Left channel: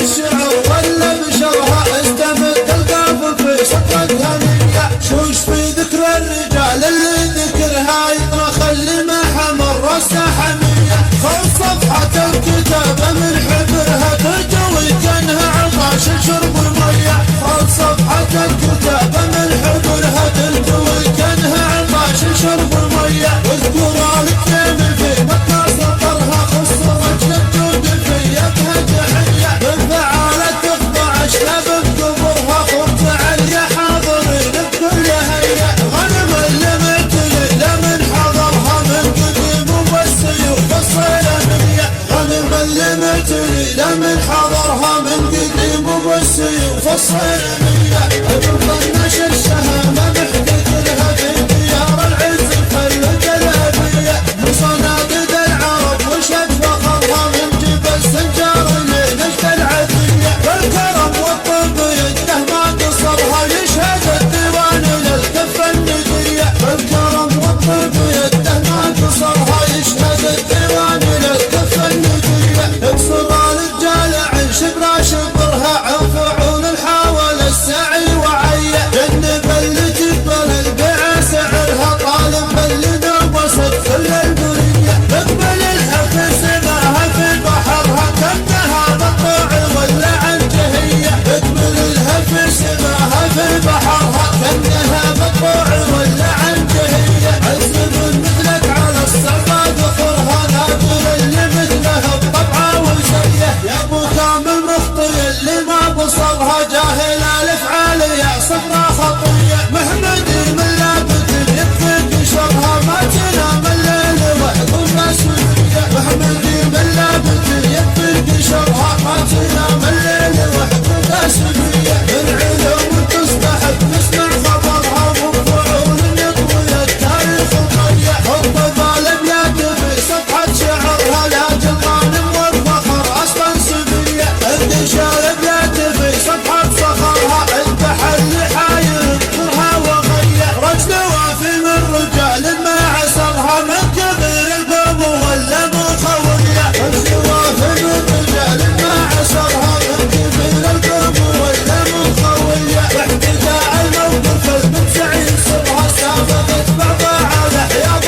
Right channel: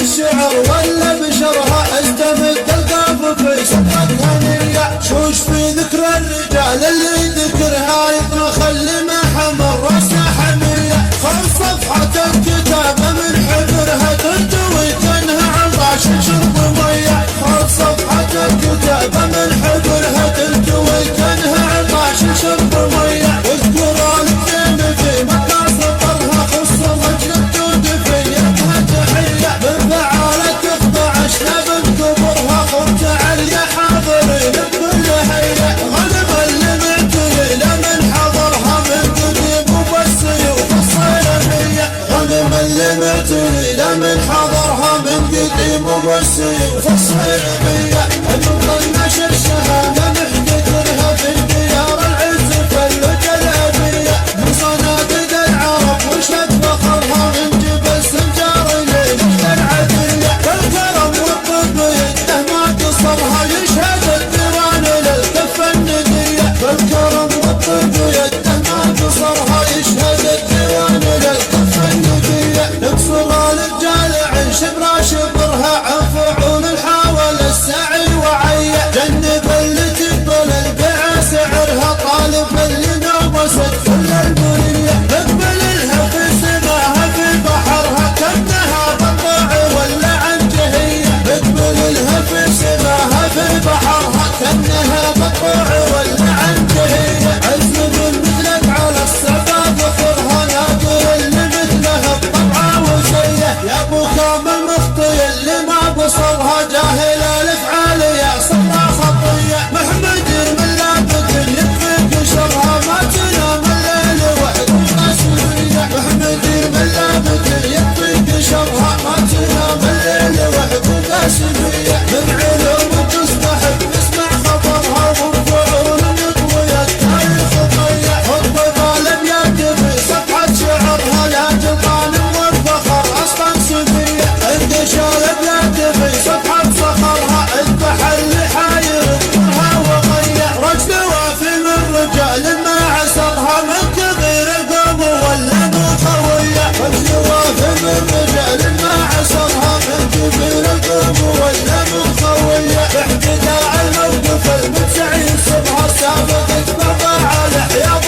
الشعر ولا بشرها استمد القاف في صدرتها نية. شوش في ذكر الرجال اللي ذكرها يطنخ اللي ما حمر راسه حمية. خذ صفحة الكتاب من حبرها ترتوي كانها عطاش شرب مية. خذ صفحة الكتاب من حبرها ترتوي كانها عطاش شرب مية. واذكر الكلمة في مطلع سطرها خص رجل الجود في يدها تحية. من فعالة تخضع اشلاب بكبرها خرج عليا حاضرين بكل هيئة. غنم اللي معتلي لمن حضرها من قديم وبالسيوف الصيلمية. غنم اللي معتلي لمن حضرها من قديم وبالسيوف الصيلمية. ابن نشر شهامة محتكرها في ديار العز فالجلابية. من صناديد العرب وشد فخرها من جبل سنجار لنجد العدية. بالكرم والطب يده ما قصرها يشهد الديوان للكفة الندية. بالكرم والطب يده ما قصرها يشهد الديوان للكفة الندية. يكسر الرجال عن شبرا شبرها عن فعول الحاول السعي وعية. جنب اللي تقبل البيع سعرها طالب اللي نوست كل البرية. اقبل لها في سماها في بحرها كأنها بطاع ولا عن جهية. اقبل لها في سماها في بحرها كأنها بطاع ولا عن جهية. عزب مثلك على الصعبة ذخرها نادر اللي مثلها بطبعه وزيه. يا ابو كامل مخطي اللي ما بصرها جاهل الافعال يا صفرا خطيه. محمد من لابد يكفيك شرها ما تنام الليل وحدك سريه. محمد من لابد يكفيك شرها ما تنام الليل وحدك سريه. من علوم تستحق نسمع خبرها وفعول يطوي التاريخ طيه. خطب الابيات في صفحة شعرها لاجل غانم والفخر اصلا سبيه. انقش الابيات في صفحة فخرها اذبح اللي حاير اذكرها وغيه. رجل وافي من رجال ما عسرها من كبير القوم ولا مخويه. رجل وافي من رجال ما عسرها من كبير القوم ولا مخويه. باحتداء الموقف المنسعي سرها سابقت بعضها على حياض